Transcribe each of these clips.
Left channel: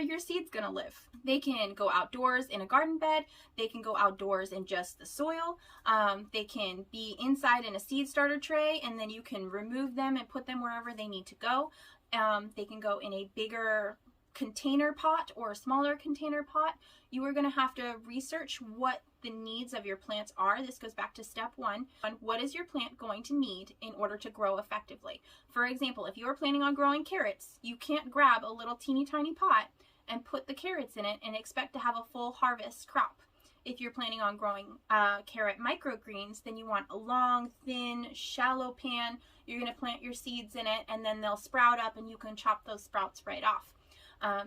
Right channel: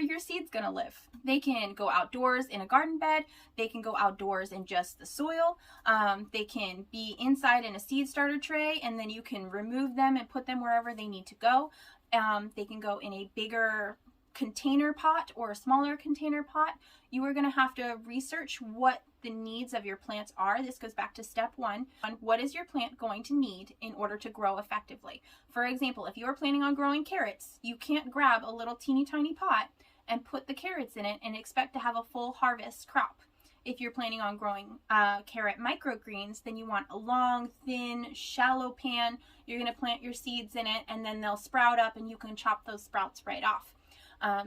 where your seed's gonna live. They can go outdoors in a garden bed. They can go outdoors in just the soil. They can be inside in a seed starter tray, and then you can remove them and put them wherever they need to go. They can go in a bigger container pot or a smaller container pot. You are going to have to research what the needs of your plants are. This goes back to step one. What is your plant going to need in order to grow effectively? For example, if you're planning on growing carrots, you can't grab a little teeny tiny pot and put the carrots in it and expect to have a full harvest crop. If you're planning on growing carrot microgreens, then you want a long, thin, shallow pan. You're going to plant your seeds in it, and then they'll sprout up and you can chop those sprouts right off.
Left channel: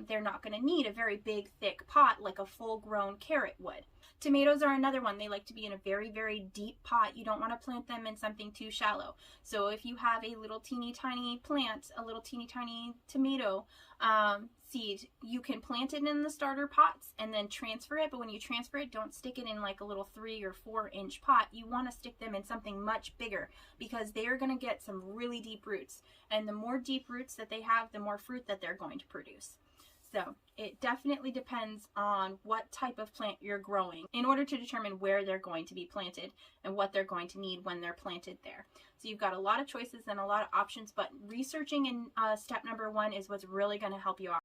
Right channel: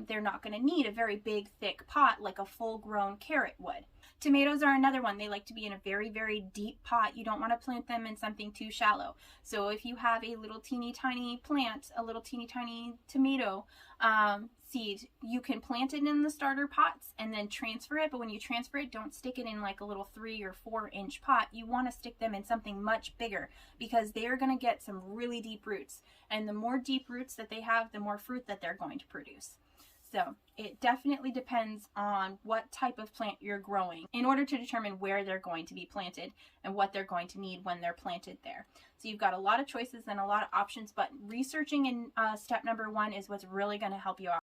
They're not going to need a very big, thick pot like a full-grown carrot would. Tomatoes are another one. They like to be in a very, very deep pot. You don't want to plant them in something too shallow. So if you have a little teeny tiny plant, a little teeny tiny tomato seed, you can plant it in the starter pots and then transfer it. But when you transfer it, don't stick it in like a little 3 or 4 inch pot. You want to stick them in something much bigger because they are going to get some really deep roots. And the more deep roots that they have, the more fruit that they're going to produce. So it definitely depends on what type of plant you're growing in order to determine where they're going to be planted and what they're going to need when they're planted there. So you've got a lot of choices and a lot of options, but researching in step number 1 is what's really going to help you out.